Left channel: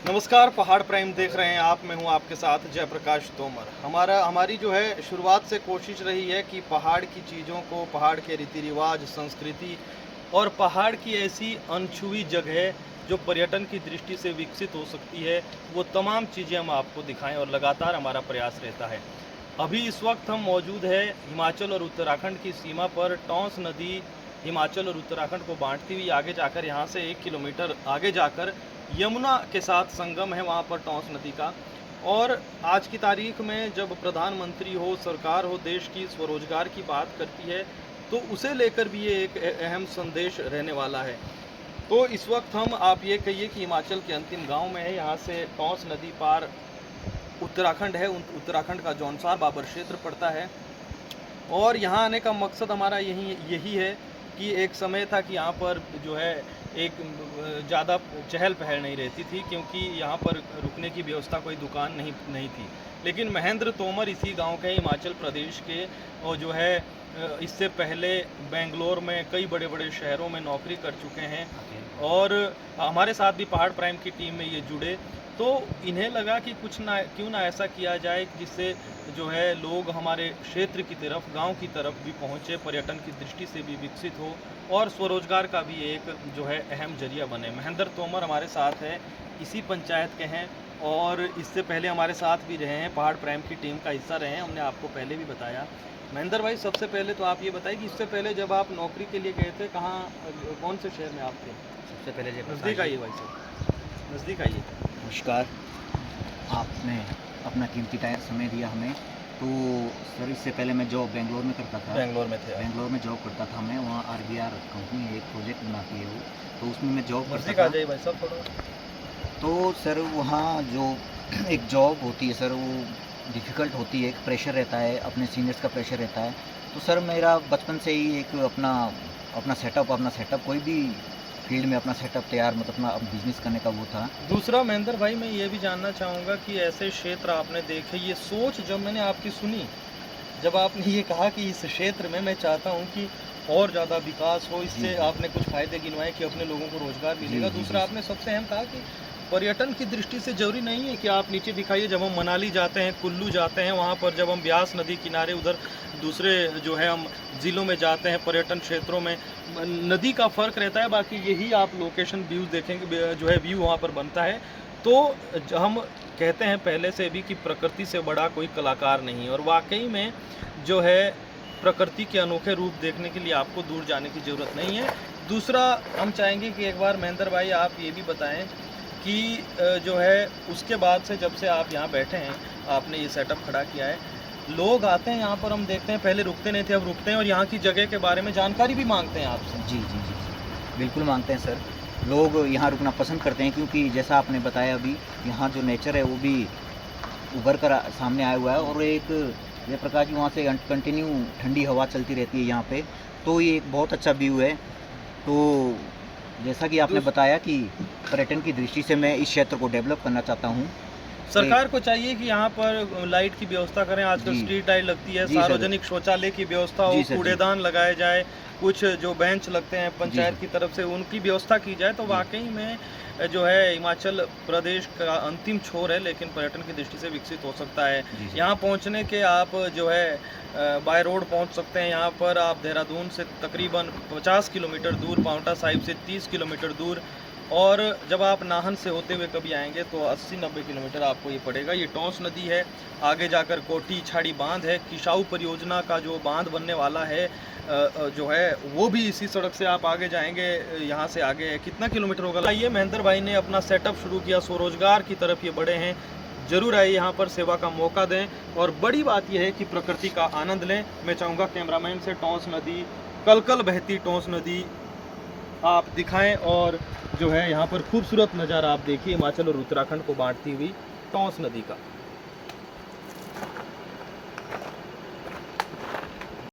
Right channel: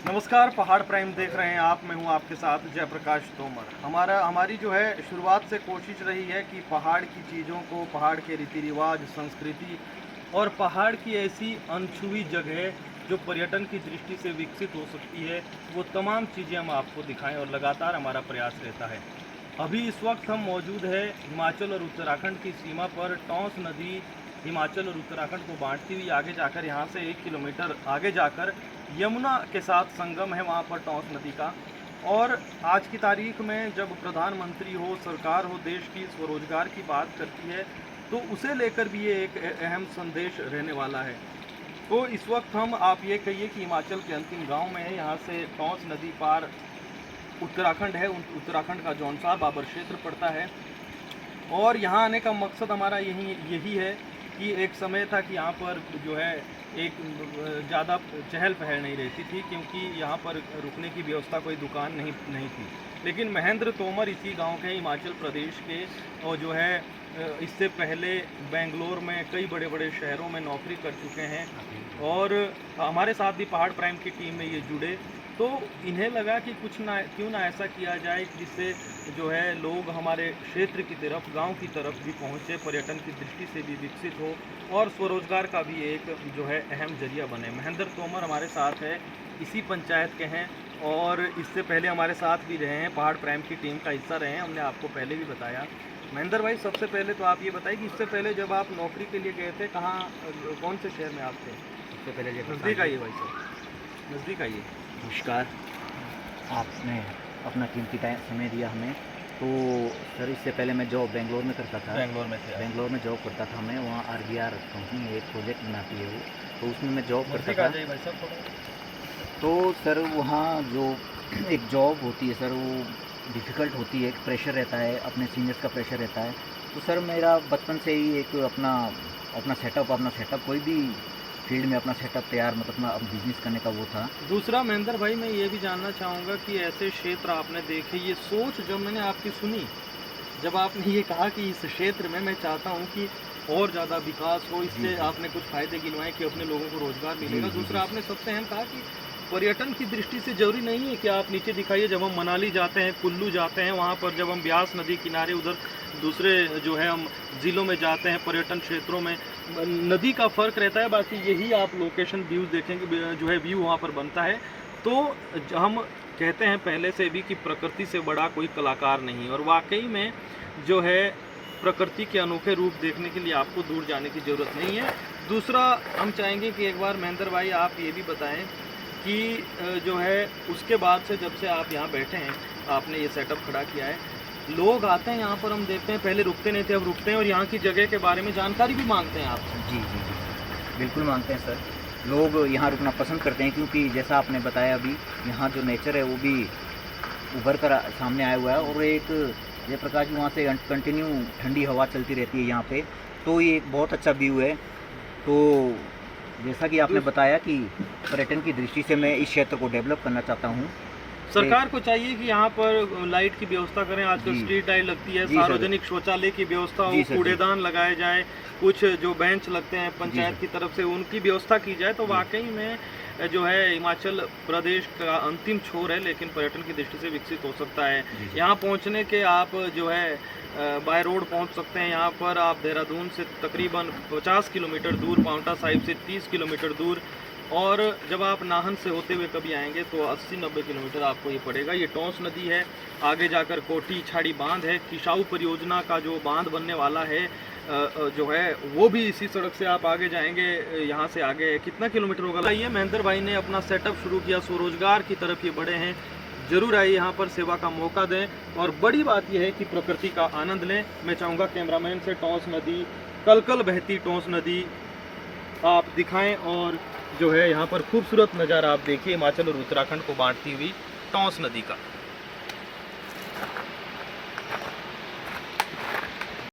नमस्कार, पहाड़ प्राइम देख रहे हैं आप। मैं हूं आपके साथ जयप्रकाश तोमर। हमारी जो है शुरुआत से कोशिश रही है कि पहाड़ की चीज़ों को, पहाड़ के रीति रिवाज, संस्कृति और पहाड़ की ऐसी अनछुई जगह जो पर्यटन की दृष्टि से विकसित हो सकती है, वो तमाम चीज़ें हम आपको दिखाएं और लगातार हमारा प्रयास रहता है। अभी इस वक्त हम मौजूद है हिमाचल और उत्तराखंड की सीमा पर। टॉन्स नदी हिमाचल और उत्तराखंड को बांटती हुई आगे जाकर, यहाँ से 1 किलोमीटर आगे जाकर यमुना के साथ संगम है वहाँ पर टॉन्स नदी का। और आज की तारीख में जब प्रधानमंत्री हो, सरकार हो, देश की स्वरोजगार की बात करती है, तो उसे लेकर भी ये एक अहम संदेश रहने वाला है। तो इस वक्त हम, आप ये कहिए कि हिमाचल के अंतिम गांव में है। यहाँ से टॉन्स नदी पार उत्तराखंड है, उत्तराखंड का जौनसार बाबर क्षेत्र पड़ता है। और यहाँ आने का मकसद हमारा यही है कि एक समय था कि यहाँ पर जो है एक ज़्यादा चहल पहल नहीं रहती थी, क्योंकि यहाँ पर रुकने की व्यवस्था, कोई दुकान नहीं थी। लेकिन महेंद्र तोमर इसी गांव के, हिमाचल प्रदेश के, और जो है इससे पहले बेंगलोर में कई बड़े बड़े शहरों में नौकरी कर चुके हैं और हमारे साथ भी पहाड़ प्राइम की टीम में ये जुड़े। तो इन्हें लगा कि क्यों ना ऐसा किया जाए जिससे जो है लोग हमारे क्षेत्र की तरफ, गांव की तरफ भी पहुंचे, पर्यटन की दृष्टि से भी विकसित हो और स्वरोजगार का भी एक जो है अहम जरिया बने। महेंद्र तोमर हमारे साथ है, इसी पंचायत के हैं और इससे पहले हमारे साथ भी रहे हैं, पहाड़ प्राइम की टीम का हिस्सा रहे हैं, हमने आपको पहले भी बताया। महेंद्र भाई, सबसे पहले तो आप ये बताइए कि इससे पहले जब आप नौकरी के लिए गए थे, कहाँ, कौन से शहर में आप थे? सबसे पहले नज़दीक आइए भाई साहब, नज़दीक आइए। नमस्कार। आपने अपना कीमती टाइम समय दिया हमें। तो सर, इससे पहले मैं जॉब बेंगलोर में करता था। बेंगलोर में थे? बेंगलोर में जॉब करता था मैं। वहाँ RBR कंपनी एक प्रोजेक्ट बनाती है वो, तो उसमें मैं जॉब करता नज़दीक आ था। जाइए भाई साहब थोड़ा। तो सर, वहाँ जो एक जॉब होती है सर, वो डिफ़िकल्ट होती है। एक प्रेशर रहता है, अपने सीनियर्स का प्रेशर रहता है। तो सर, मेरा बचपन से ही एक अपना सेटअप कोई भी फील्ड में अपना सेटअप तैयार, मतलब अपना बिजनेस करने का वो था। दूसरा महेंद्र भाई, मैं ये भी जानना चाहूँगा कि ऐसे क्षेत्र आपने देखे, ये सोच जब मैंने आपकी सुनी, जब आपने ये कहा कि इस क्षेत्र में मैं चाहता हूँ कि और ज़्यादा विकास हो, इससे आपने कुछ फ़ायदे गिनवाए कि अपने लोगों को रोज़गार मिलेगा। दूसरा, आपने सबसे अहम कहा कि पर्यटन की दृष्टि से ज़रूरी नहीं है कि आप नीचे दिखाइए। जब हम मनाली जाते हैं, कुल्लू जाते हैं, वहाँ पर जब हम ब्यास नदी किनारे, उधर दूसरे जो है हम ज़िलों में जाते हैं, पर्यटन क्षेत्रों में नदी का फ़र्क रहता है, बाकी यही आप लोकेशन व्यूज़ देखेंगे, जो है व्यू वहाँ पर बनता है। तो हम कहते हैं पहले से भी कि प्रकृति से बड़ा कोई कलाकार नहीं है, और वाकई में जो है प्रकृति के अनोखे रूप देखने के लिए आपको दूर जाने की ज़रूरत नहीं है। दूसरा, हम चाहेंगे कि एक बार महेंद्र भाई आप ये भी बताएं कि जो है उसके बाद से, जब से आप यहाँ बैठे हैं, आपने ये सेटअप खड़ा किया है, लोग आते हैं यहाँ पर, हम देखते हैं पहले रुकते नहीं थे, अब रुकते हैं और यहाँ की जगह के बारे में जानकारी भी मांगते हैं आपसे। जी, बिल्कुल मांगते हैं सर। लोग यहाँ रुकना पसंद करते हैं, क्योंकि जैसा आपने बताया अभी, यहाँ जो नेचर है वो भी उभर कर सामने आया हुआ है। और एक जयप्रकाश जी, वहाँ से कंटिन्यू ठंडी हवा चलती रहती है यहाँ पे, तो ये एक बहुत अच्छा व्यू है। तो जैसा कि आपने बताया कि पर्यटन की दृष्टि से मैं इस क्षेत्र को डेवलप करना चाहता हूँ। सरकार को चाहिए कि यहाँ पर लाइट की व्यवस्था करें, आजकल स्ट्रीट लाइट लगती है, सार्वजनिक शौचालय की व्यवस्था हो, कूड़ेदान लगाए जाए, कुछ जो बेंच लगते हैं पंचायत की तरफ से, उनकी व्यवस्था की जाए। तो वाकई में जो है हिमाचल प्रदेश का अंतिम छोर है, लेकिन पर्यटन की दृष्टि से विकसित हो सकता है। यहाँ पहुँचने के आप जो है बाय रोड पहुँच सकते हैं। यहाँ पर आप देहरादून से तकरीबन 50 किलोमीटर दूर, पाउंटा साहिब से 30 किलोमीटर दूर, और जब आप नाहन से होते हुए कभी आएंगे तो 80-90 किलोमीटर आपको ये पड़ेगा। ये टॉन्स नदी है, आगे जाकर कोटी छाड़ी बांध है, किसाऊ परियोजना का जो बांध बनने वाला है जो है वो भी इसी सड़क से आप आगे जाएंगे। यहाँ से आगे कितना किलोमीटर होगा? ये महेंद्र भाई ने अपना सेटअप शुरू किया, स्वरोजगार की तरफ ये बढ़े हैं। ज़रूर आइए, यहाँ पर सेवा का मौका दें, और बड़ी बात यह है कि प्रकृति का आनंद लें। मैं चाहूँगा कैमरामैन से टॉन्स नदी, कल बहती टॉन्स नदी आप दिखाएं, और जो है यहाँ पर खूबसूरत नज़ारा आप देखिए, हिमाचल और उत्तराखंड को बांटती हुई टॉन्स नदी का।